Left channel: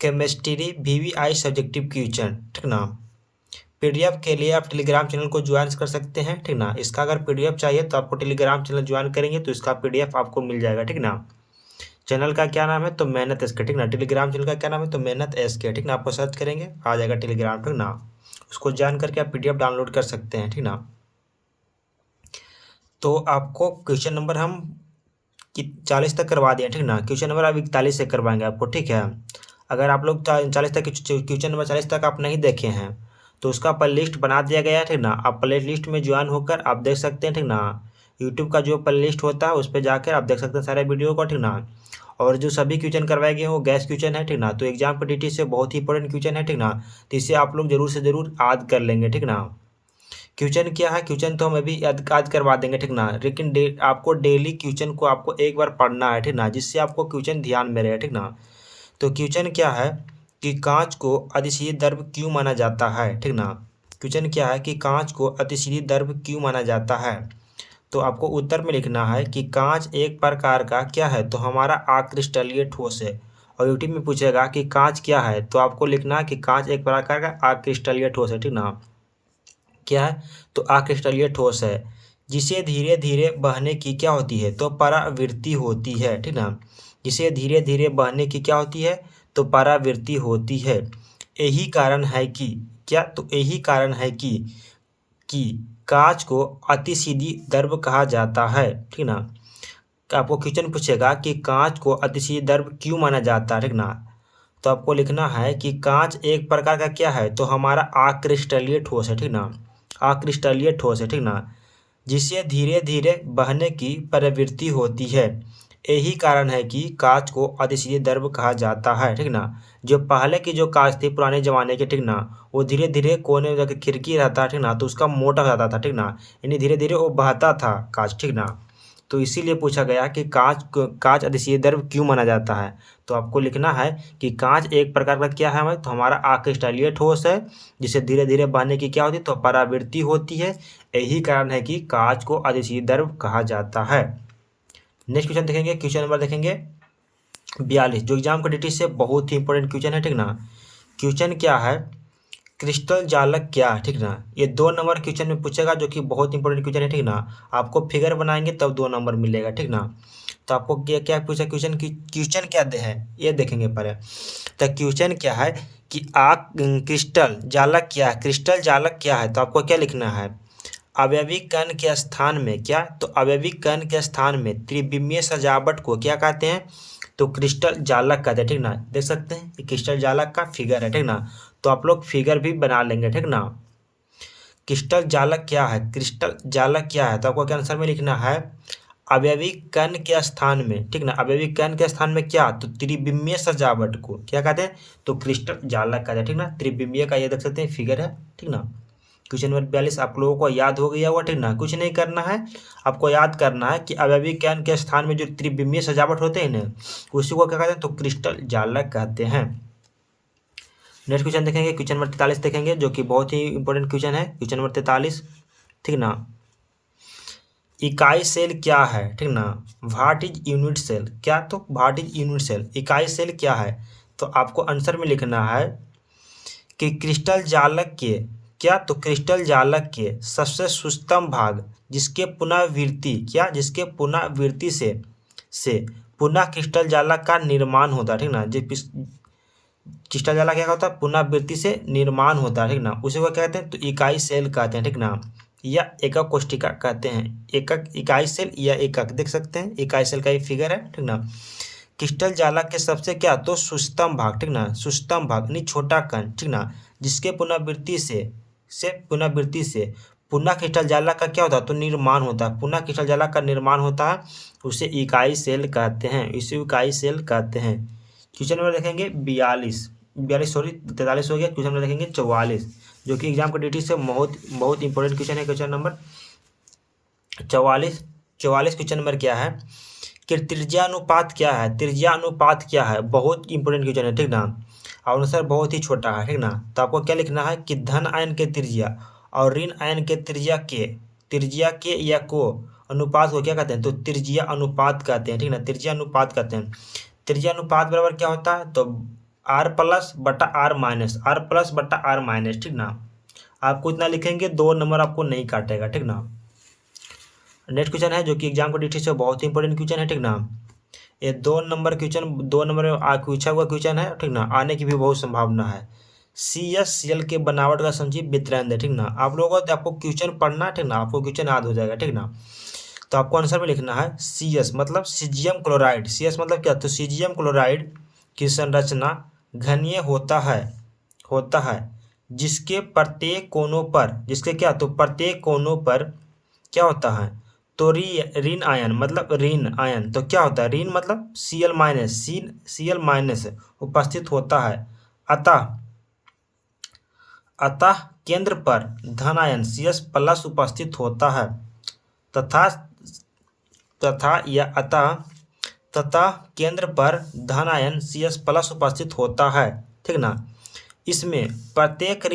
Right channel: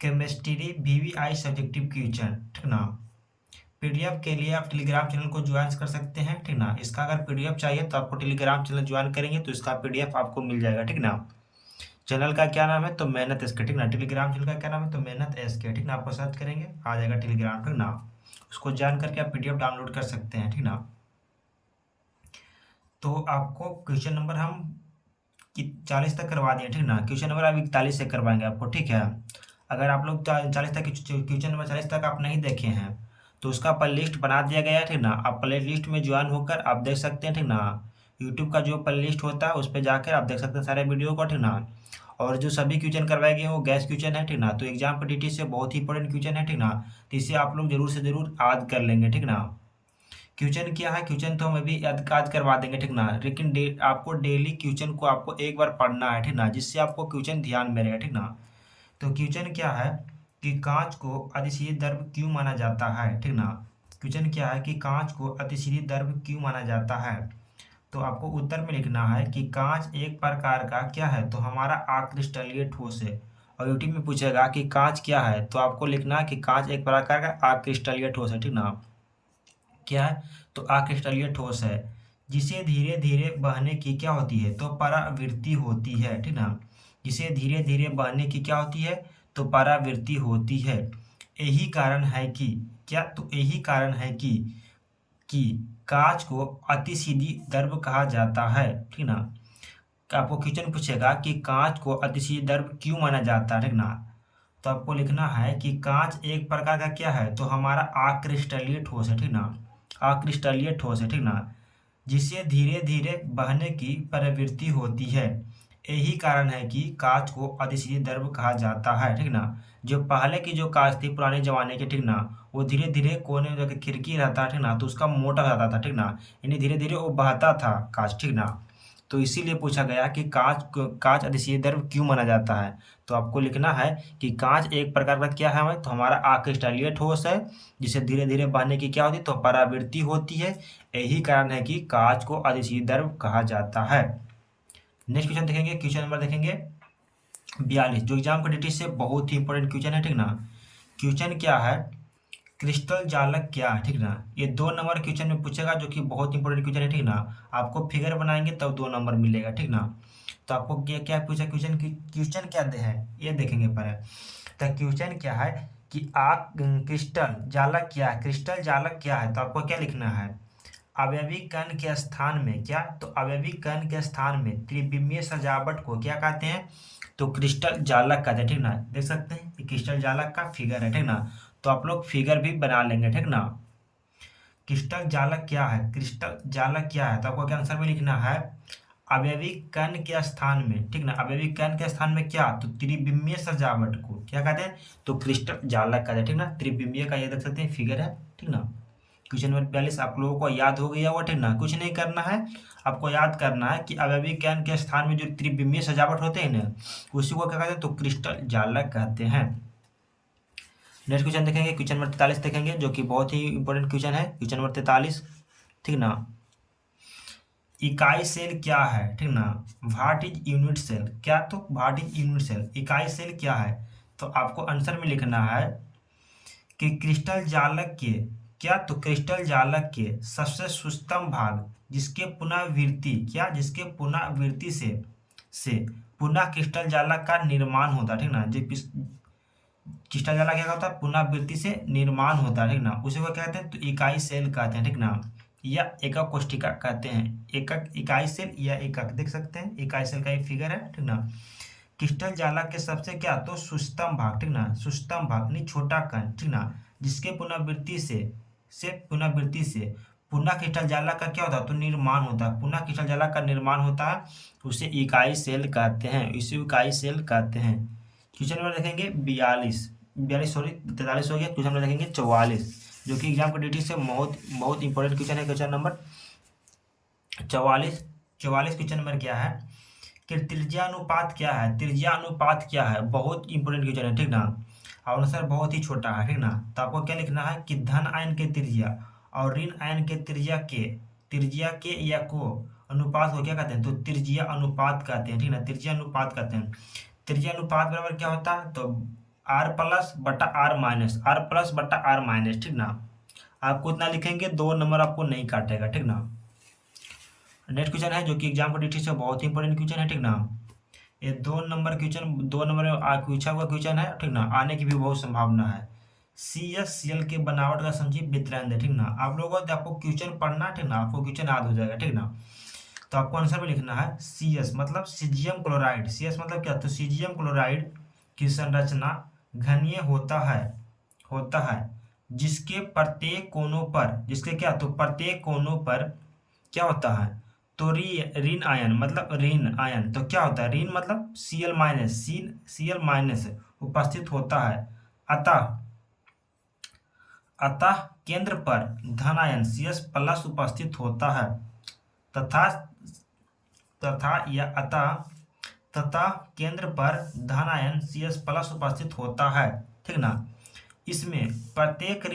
Chemistry VVI subjective question, ठीक ना। PDF के लिए आप टेलीग्राम चैनल को ज्वाइन कर सकते हैं, ठीक ना। इसका अगर PDF चाहिए तो आपको टेलीग्राम चैनल ज्वाइन करेंगे तो इसका PDF आपको मिल जाएगा, ठीक ना। चैनल का क्या नाम है तो मेहनत एसके, ठीक ना। टेलीग्राम चैनल का क्या नाम है तो मेहनत एसके, ठीक ना। आपको सर्च करेंगे आ जाएगा टेलीग्राम, ठीक ना। उसको ज्वाइन करके आप PDF डाउनलोड कर सकते हैं, ठीक ना। तो आपको क्वेश्चन नंबर हम 40 तक करवा दिए, ठीक ना। क्वेश्चन नंबर अब 41 से करवाएंगे आपको, ठीक है। अगर आप लोग 40 तक क्वेश्चन नंबर 40 तक आप नहीं देखे हैं तो उसका प्ले लिस्ट बना दिया गया है, ठीक ना। आप प्ले लिस्ट में ज्वाइन होकर आप देख सकते हैं, ठीक ना। यूट्यूब का जो प्ले लिस्ट होता है उस पर जाकर आप देख सकते हैं सारे वीडियो को, ठीक ना। और जो सभी क्वेश्चन करवाए गए हैं वो गैस क्वेश्चन है, ठीक ना। तो एग्जाम पॉलिटी से बहुत ही इंपॉर्टेंट क्वेश्चन है, ठीक ना। तो इसे आप लोग जरूर से जरूर याद कर लेंगे, ठीक ना। क्वेश्चन क्या है, क्वेश्चन तो हम अभी याद करवा देंगे, ठीक ना। लेकिन आपको डेली क्वेश्चन को आपको एक बार पढ़ना है, ठीक ना, जिससे आपको क्वेश्चन ध्यान में रहे, ठीक ना। तो क्वेश्चन क्या है कि कांच को अतिशीत द्रव क्यों माना जाता है, ठीक ना। क्वेश्चन क्या है कि कांच को अतिशीत द्रव क्यों माना जाता है। तो आपको उत्तर में लिखना है कि कांच एक प्रकार का क्या है तो हमारा अक्रिस्टलीय ठोस है। और यूट्यूब में पूछेगा कि कांच क्या है तो आपको लिखना है कि कांच एक प्रकार का अक्रिस्टलीय ठोस है, ठीक ना। क्या है तो अक्रिस्टलीय ठोस है जिसे धीरे धीरे बहने की क्या होती है तो परावृत्ति होती है, ठीक ना। जिसे धीरे धीरे बहने की क्या होती है तो परावृत्ति होती है। यही कारण है कि क्या तो यही कारण है कि कांच को अतिसीधी द्रव कहा जाता है, ठीक ना। आपको क्वेश्चन पूछेगा कि कांच को अतिशीत द्रव क्यों माना जाता है, ठीक ना। तो आपको लिखना है कि कांच एक प्रकार का क्या है तो हमारा अक्रिस्टलीय ठोस है, ठीक ना। अक्रिस्टलीय ठोस है, ठीक ना, जिससे धीरे धीरे बहने की प्रवृत्ति होती है। यही कारण है कि कांच को अतिशीत द्रव कहा जाता है, ठीक ना। जो पहले की जो कांच थी पुराने जमाने के, ठीक ना, वो धीरे धीरे कोने में जाके खिड़की रहता, ठीक ना, तो उसका मोटा रहता था, ठीक ना। यानी धीरे धीरे वो बहता था कांच, ठीक ना। तो इसीलिए पूछा गया कि कांच अतिशीत द्रव क्यों माना जाता है। तो आपको लिखना है कि कांच एक प्रकार का क्या है तो हमारा अक्रिस्टलीय ठोस है जिसे धीरे धीरे बहने की क्या होती है तो परावृत्ति होती है। यही कारण है कि कांच को अतिशीत द्रव कहा जाता है। नेक्स्ट क्वेश्चन देखेंगे, क्वेश्चन नंबर देखेंगे 42 जो एग्जाम क्वालिटी से बहुत ही इंपॉर्टेंट क्वेश्चन है, ठीक ना। क्वेश्चन क्या है क्रिस्टल जालक क्या है, ठीक ना। ये 2 नंबर क्वेश्चन में पूछेगा जो कि बहुत इंपॉर्टेंट क्वेश्चन है, ठीक ना। आपको फिगर बनाएंगे तब 2 नंबर मिलेगा, ठीक ना। तो आपको क्या क्या पूछा क्वेश्चन की क्वेश्चन क्या दे है ये देखेंगे पहले। तो क्वेश्चन क्या है कि क्रिस्टल जालक क्या है, क्रिस्टल जालक क्या है तो आपको क्या लिखना है अवयवी कण के स्थान में क्या तो अवयवी कण के स्थान में त्रिविमीय सजावट को क्या कहते हैं तो क्रिस्टल जालक कहते हैं, ठीक ना। देख सकते हैं ये क्रिस्टल जालक का फिगर है, ठीक ना। तो आप लोग फिगर भी बना लेंगे, ठीक ना। क्रिस्टल जालक क्या है, क्रिस्टल जालक क्या है तो आपको क्या आंसर में लिखना है अवयवी कण के स्थान में, ठीक ना। अवयवी कण के स्थान में क्या तो त्रिविमीय सजावट को क्या कहते हैं तो क्रिस्टल जालक कहते हैं, ठीक ना। त्रिविमीय का ये देख सकते हैं फिगर है, ठीक ना। क्वेश्चन नंबर 42 आप लोगों को याद हो गया होगा, ठीक ना। कुछ नहीं करना है, आपको याद करना है कि अवयवी कण के स्थान में जो त्रिविमीय सजावट होते हैं ना उसी को क्या कहते हैं तो क्रिस्टल जालक कहते हैं। नेक्स्ट क्वेश्चन देखेंगे, क्वेश्चन नंबर 43 देखेंगे जो कि बहुत ही इंपॉर्टेंट क्वेश्चन है। क्वेश्चन नंबर 43, ठीक ना। इकाई सेल क्या है, ठीक ना। व्हाट इज यूनिट सेल क्या तो व्हाट इज यूनिट सेल इकाई सेल क्या है तो आपको आंसर में लिखना है कि क्रिस्टल जालक के क्या तो क्रिस्टल जालक के सबसे सूक्ष्म भाग जिसके पुनरावृत्ति क्या जिसके पुनरावृत्ति से पुनः क्रिस्टल जालक का निर्माण होता है, ठीक ना। जो क्रिस्टल जालक क्या होता है पुनरावृत्ति से निर्माण होता है, ठीक ना, उसी को कहते हैं तो इकाई सेल कहते हैं, ठीक ना। या एकक कोशिका कहते हैं, एकक इकाई सेल या एकक देख सकते हैं इकाई सेल का ये फिगर है, ठीक ना। क्रिस्टल जालक के सबसे क्या तो सूक्ष्म भाग, ठीक ना, सूक्ष्म भाग नहीं छोटा कण, ठीक ना, जिसके पुनरावृत्ति से पुनः क्रिस्टल जालक का क्या होता है तो निर्माण होता है, पुनः क्रिस्टल जालक का निर्माण होता है उसे इकाई सेल कहते हैं, इसे इकाई सेल कहते हैं। क्वेश्चन नंबर देखेंगे 42 सॉरी 43 हो गया। क्वेश्चन नंबर देखेंगे 44 जो कि एग्जाम के ड्यूटी से बहुत बहुत इंपॉर्टेंट क्वेश्चन है। क्वेश्चन नंबर 44 क्वेश्चन नंबर क्या है कि त्रिज्या अनुपात क्या है, त्रिज्या अनुपात क्या है बहुत इंपॉर्टेंट क्वेश्चन है, ठीक ना। और आंसर बहुत ही छोटा है, ठीक ना। तो आपको क्या लिखना है कि धन आयन के त्रिज्या और ऋण आयन के त्रिज्या के या को अनुपात को क्या कहते हैं तो त्रिज्या अनुपात कहते हैं, ठीक ना, त्रिज्या अनुपात कहते हैं। त्रिज्या अनुपात बराबर क्या होता है तो आर प्लस बटा आर माइनस, आर प्लस बटा आर माइनस, ठीक ना। आपको इतना लिखेंगे, 2 नंबर आपको नहीं काटेगा, ठीक ना। नेक्स्ट क्वेश्चन है जो कि एग्जाम को डिटेल से बहुत ही इंपॉर्टेंट क्वेश्चन है, ठीक ना। ये 2 नंबर क्वेश्चन, 2 नंबर में पूछा हुआ क्वेश्चन है, ठीक ना। आने की भी बहुत संभावना है। CSCl के बनावट का संक्षिप्त वितरण है, ठीक ना। आप लोगों को आपको क्वेश्चन पढ़ना, ठीक ना, आपको क्वेश्चन याद हो जाएगा, ठीक ना। तो आपको आंसर में लिखना है CS मतलब सीजियम क्लोराइड। CS मतलब क्या, तो सीजियम क्लोराइड की संरचना घनीय होता है जिसके प्रत्येक कोनों पर, जिसके क्या, तो प्रत्येक कोनों पर क्या होता है, तो ऋण आयन, मतलब ऋण आयन, तो क्या होता है, ऋण मतलब Cl माइनस उपस्थित होता है। अतः अतः केंद्र पर धन आयन CS प्लस उपस्थित होता है तथा तथा यह अतः तथा केंद्र पर धन आयन CS प्लस उपस्थित होता है, ठीक ना। इसमें प्रत्येक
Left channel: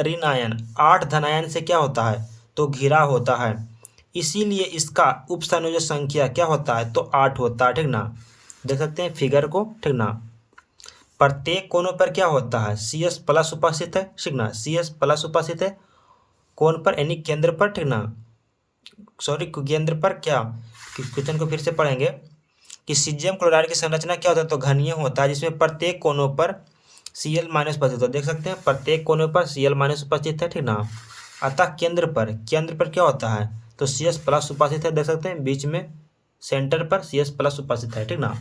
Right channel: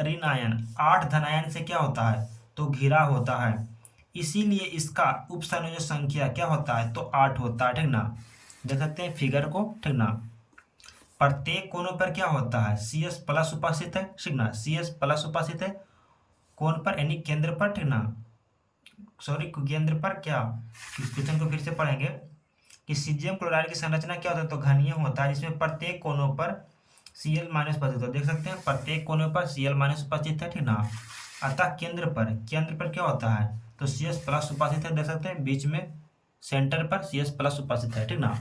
ऋण आयन 8 धनायन से क्या होता है, तो घिरा होता है। इसीलिए इसका उप संयोजक संख्या क्या होता है, तो 8 होता है, ठीक ना। देख सकते हैं फिगर को, ठीक ना। प्रत्येक कोनों पर क्या होता है, CS प्लस उपस्थित है, ठीक ना। CS प्लस उपस्थित है कोण पर, यानी केंद्र पर, ठीक ना। सॉरी, केंद्र पर क्या, क्वेश्चन को फिर से पढ़ेंगे कि सीजियम क्लोराइड की संरचना क्या होता है, तो घनीय होता है जिसमें प्रत्येक कोनों पर Cl माइनस उपस्थित है। देख सकते हैं प्रत्येक कोने पर Cl माइनस उपस्थित है, ठीक ना। अतः केंद्र पर क्या होता है, तो CS प्लस उपस्थित है। देख सकते हैं बीच में सेंटर पर CS प्लस उपस्थित है, ठीक ना।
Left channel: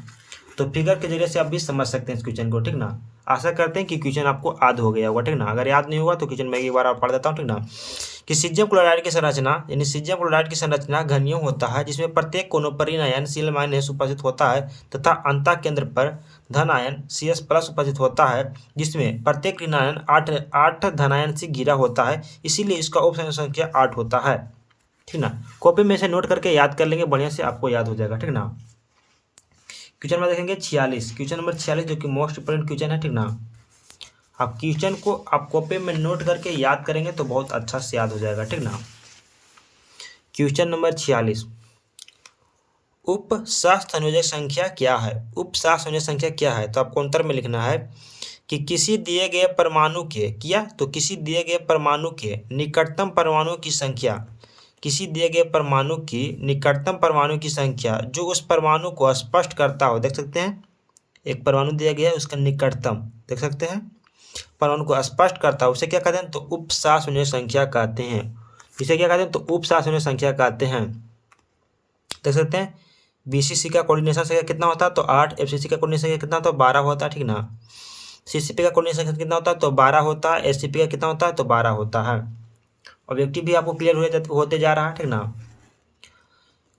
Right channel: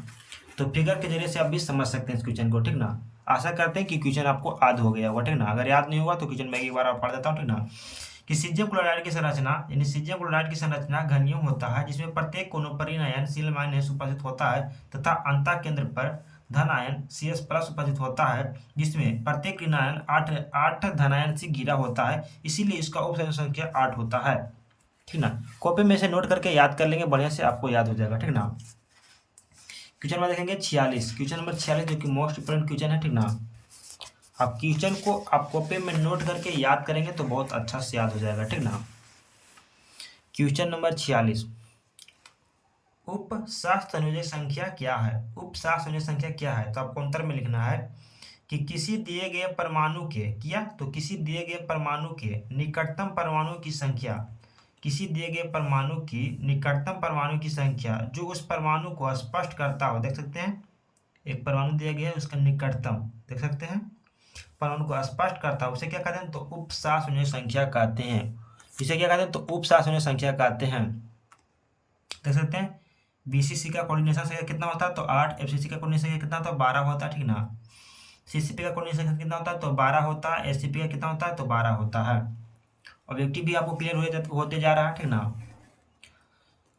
तो फिगर के जरिए से आप भी समझ सकते हैं इस क्वेश्चन को, ठीक ना। आशा करते हैं कि क्वेश्चन आपको याद हो गया होगा, ठीक ना। अगर याद नहीं होगा तो क्वेश्चन मैं एक बार और पढ़ देता हूँ, ठीक ना। कि सीजियम क्लोराइड की संरचना, यानी सीजियम क्लोराइड की संरचना घनीय होता है जिसमें प्रत्येक कोनों पर ऋण आयन Cl माइनस उपस्थित होता है तथा अंतः केंद्र पर धन आयन CS प्लस उपस्थित होता है जिसमें प्रत्येक ऋण आयन 8 धनायन से घिरा होता है। इसीलिए इसका उप संख्या 8 होता है, ठीक ना। कॉपी में से नोट करके याद कर लेंगे, बढ़िया से आपको याद हो जाएगा, ठीक ना। क्वेश्चन नंबर देखेंगे 46, क्वेश्चन नंबर 46 जो कि मोस्ट इंपोर्टेंट क्वेश्चन है, ठीक ना। आप क्वेश्चन को आप कॉपी में नोट करके याद करेंगे तो बहुत अच्छा से याद हो जाएगा, ठीक ना। क्वेश्चन नंबर 46, उप सहसंयोजक संख्या क्या है। उप सहसंयोजक संख्या क्या है, तो आपको उत्तर में लिखना है कि किसी दिए गए परमाणु के किसी दिए गए परमाणु के निकटतम परमाणु की संख्या, किसी दिए गए परमाणु की निकटतम परमाणु की संख्या जो उस परमाणु को स्पष्ट करता हो। देख सकते हैं एक परमाणु दिया गया है, उसका निकटतम देख सकते हैं परमाणु को स्पष्ट करता है, उसे क्या कहते हैं, तो उप सहसंयोजक संख्या कहते हैं। इसे क्या कहते हैं, तो उप सहसंयोजक संख्या कहते हैं। देख सकते हैं BCC का कोऑर्डिनेशन संख्या कितना होता है, तो 8। FCC का कोऑर्डिनेशन संख्या कितना होता है, 12 होता है, ठीक ना। CCP का कोऑर्डिनेशन संख्या कितना होता है, तो 12 होता है। SCP का कितना होता है, तो 12 होता है। ऑब्जेक्टिव भी आपको क्लियर होते जा रहा है, ठीक ना।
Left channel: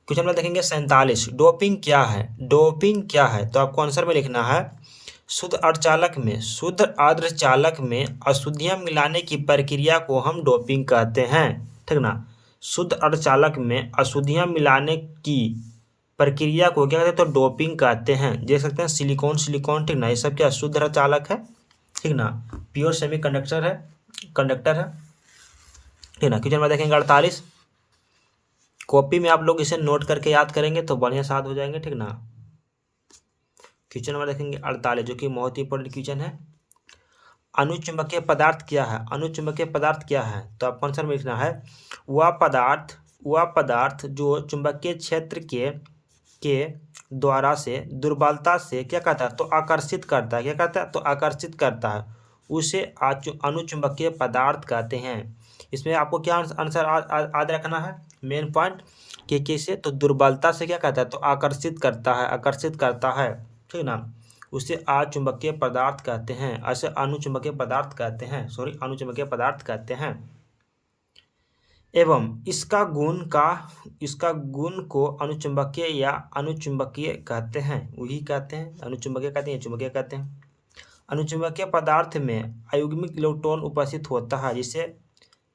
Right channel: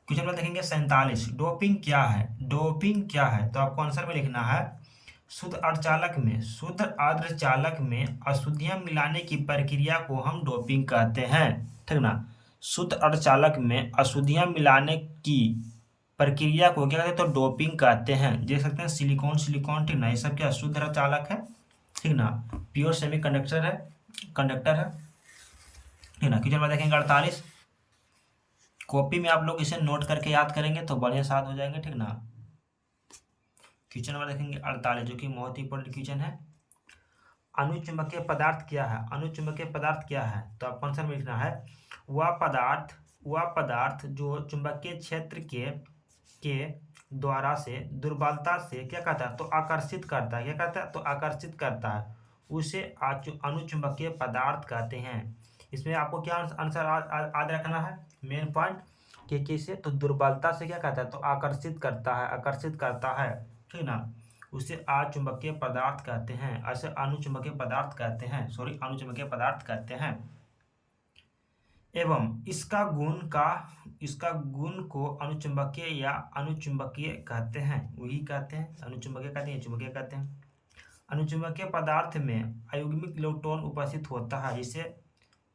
क्वेश्चन में देखेंगे 47, डोपिंग क्या है। डोपिंग क्या है, तो आपको आंसर में लिखना है शुद्ध अर्धचालक में अशुद्धियां मिलाने की प्रक्रिया को हम डोपिंग कहते हैं, ठीक ना। शुद्ध अर्धचालक में अशुद्धियां मिलाने की प्रक्रिया को क्या कहते हैं, तो डोपिंग कहते हैं। देख सकते हैं सिलिकॉन, ठीक ना, ये सब क्या शुद्ध अर्धचालक है, ठीक ना। प्योर सेमीकंडक्टर है, ठीक ना। क्वेश्चन में देखेंगे 48, कॉपी में आप लोग इसे नोट करके याद करेंगे तो बढ़िया से याद हो जाएंगे, ठीक ना। क्वेश्चन नंबर देखेंगे 48 जो कि बहुत ही इंपॉर्टेंट क्वेश्चन है। अनुचुंबकीय पदार्थ क्या है। अनुचुंबकीय पदार्थ क्या है, तो आपको आंसर में लिखना है वह पदार्थ जो चुंबकीय क्षेत्र के द्वारा से दुर्बलता से क्या कहता है, तो आकर्षित करता है। क्या कहता है, तो आकर्षित करता है, उसे अनुचुंबकीय पदार्थ कहते हैं। इसमें आपको क्या आंसर याद रखना है, मेन पॉइंट कि कैसे, तो दुर्बलता से क्या कहता है, तो आकर्षित करता है, ठीक ना। उसे अचुंबकीय पदार्थ कहते हैं, ऐसे अनुचुंबकीय पदार्थ कहते हैं, अनुचुंबकीय पदार्थ कहते हैं। एवं इसका गुण को अनुचुंबकीय या अनुचुंबकीय कहते हैं, वही कहते हैं, अनुचुंबकीय कहते हैं, चुंबकीय कहते हैं। अनुचुंबकीय पदार्थ में अयुग्मिक इलेक्ट्रॉन उपस्थित होता है, जिसे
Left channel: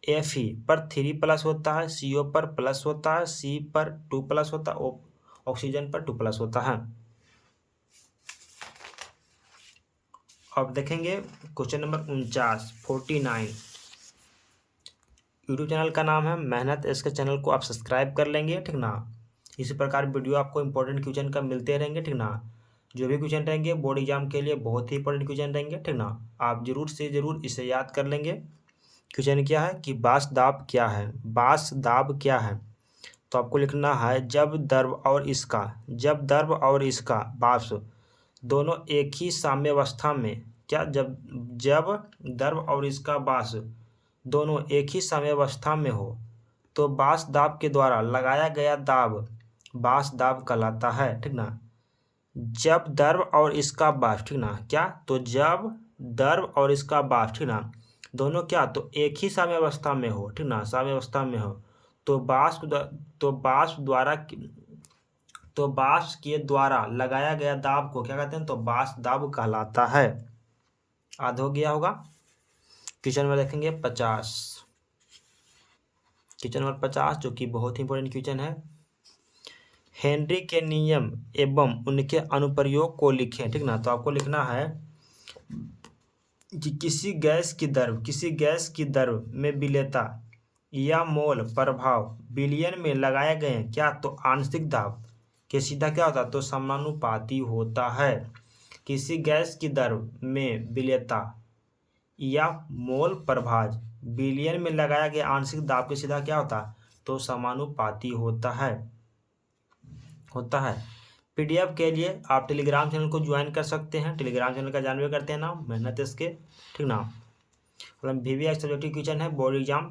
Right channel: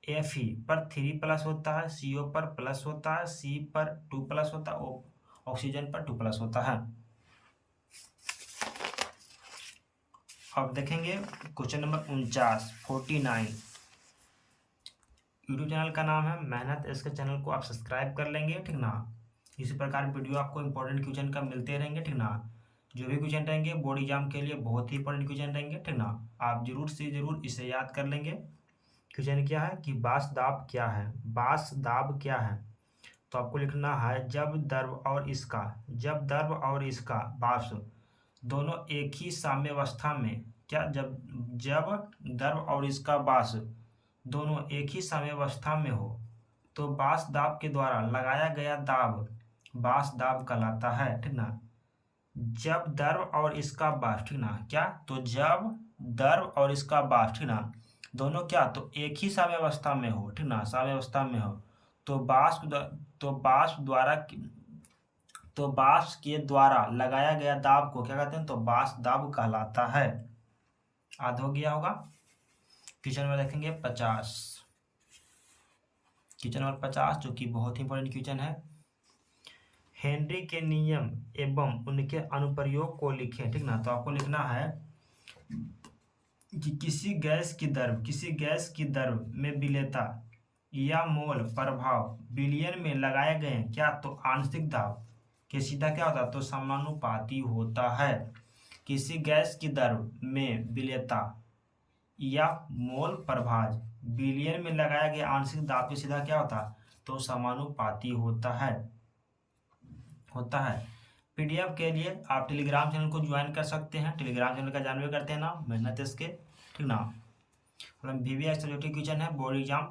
Fe पर 3+ होता है, CO पर प्लस होता है, C पर 2+ होता है, ऑक्सीजन पर 2+ होता है। अब देखेंगे क्वेश्चन नंबर 49 यूट्यूब चैनल का नाम है मेहनत इसके चैनल को आप सब्सक्राइब कर लेंगे, ठीक ना। इसी प्रकार वीडियो आपको इंपॉर्टेंट क्वेश्चन का मिलते रहेंगे, ठीक ना। जो भी क्वेश्चन रहेंगे बोर्ड एग्जाम के लिए बहुत ही इंपॉर्टेंट क्वेश्चन रहेंगे, ठीक ना। आप जरूर से जरूर इसे याद कर लेंगे। क्वेश्चन क्या है कि बांस दाब क्या है, बांस दाब क्या है। तो आपको लिखना है जब दर्भ और इसका बांस दोनों एक ही साम्यावस्था में, क्या, जब दर्भ और इसका बांस दोनों एक ही साम्यावस्था में हो तो बांस दाब के द्वारा लगाया गया दाब बांस दाब कहलाता है, ठीक ना। जब दर्भ और इसका बांस, ठीक ना, क्या, तो जब दर्भ और इसका बांस, ठीक ना, दोनों क्या, तो एक ही साम्यावस्था में हो, ठीक ना, साम्यावस्था में हो तो तो बांस द्वारा तो बांस के द्वारा लगाया गया दाब को क्या कहते हैं, तो बांस दाब कहलाता है। याद हो गया होगा। क्वेश्चन में देखेंगे 50, क्वेश्चन नंबर 50 जो कि बहुत ही इंपॉर्टेंट क्वेश्चन है। हेनरी के नियम एवं उनके अनुप्रयोग को लिखें, ठीक ना। तो आपको लिखना है कि किसी गैस की दर में विलेयता या मोल प्रभाव विलयन में लगाए गए, क्या, तो आंशिक दाब के सीधा क्या होता है, तो समानुपाती होता है। किसी गैस की दर में विलेयता या मोल प्रभाव विलयन में लगाया गया आंशिक दाब के सीधा क्या होता है, तो समानुपाती होता है। पीडीएफ के लिए आप टेलीग्राम चैनल को ज्वाइन कर सकते हैं। टेलीग्राम चैनल का जानवे करते हैं नाम मेहनत इसके, ठीक ना। मतलब VVI सब्जेक्टिव क्वेश्चन है बोर्ड एग्जाम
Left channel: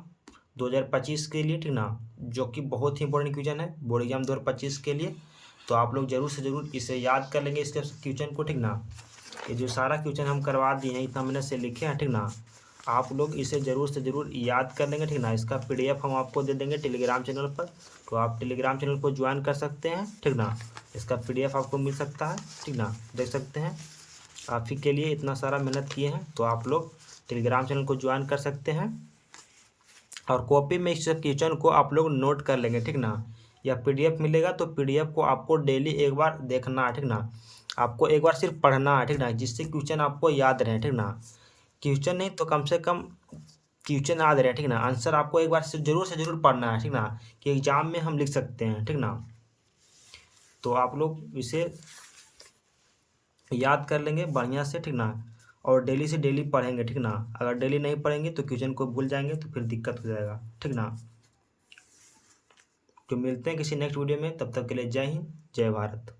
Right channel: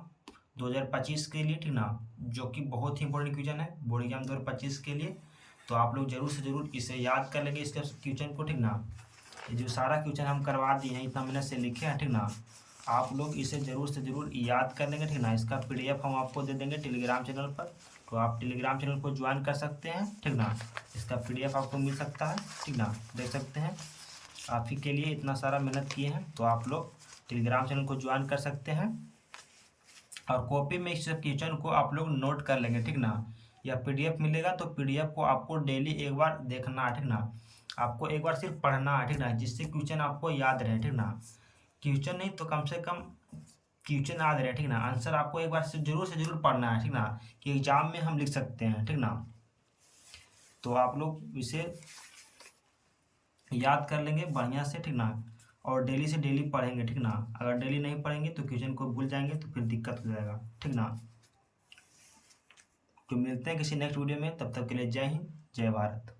2025 के लिए, ठीक ना, जो कि बहुत ही इंपॉर्टेंट क्वेश्चन है बोर्ड एग्जाम 2025 के लिए। तो आप लोग जरूर से जरूर इसे याद कर लेंगे इसके क्वेश्चन को, ठीक ना। ये जो सारा क्वेश्चन हम करवा दिए हैं इतना मेहनत से लिखे हैं, ठीक ना, आप लोग इसे ज़रूर से ज़रूर याद कर लेंगे, ठीक ना। इसका PDF हम आपको दे देंगे टेलीग्राम चैनल पर, तो आप टेलीग्राम चैनल को ज्वाइन कर सकते हैं, ठीक ना। इसका PDF आपको मिल सकता है, ठीक ना, देख सकते हैं। आप ही के लिए इतना सारा मेहनत किए हैं, तो आप लोग टेलीग्राम चैनल को ज्वाइन कर सकते हैं और कॉपी में इस क्वेश्चन को आप लोग नोट कर लेंगे, ठीक ना। या PDF मिलेगा तो PDF को आपको डेली एक बार देखना है, ठीक ना। आपको एक बार सिर्फ पढ़ना है, ठीक ना, जिससे क्वेश्चन आपको याद रहे, ठीक ना। क्वेश्चन नहीं तो कम से कम क्वेश्चन याद रहे, ठीक ना। आंसर आपको एक बार से जरूर पढ़ना है, ठीक ना, कि एग्जाम में हम लिख सकते हैं, ठीक ना। तो आप लोग इसे याद कर लेंगे बढ़िया से, ठीक ना, और डेली से डेली पढ़ेंगे, ठीक ना। अगर डेली नहीं पढ़ेंगे तो क्वेश्चन को भूल जाएंगे तो फिर दिक्कत हो जाएगा, ठीक ना। तो मिलते हैं किसी नेक्स्ट वीडियो में, तब तक के लिए जय हिंद जय भारत।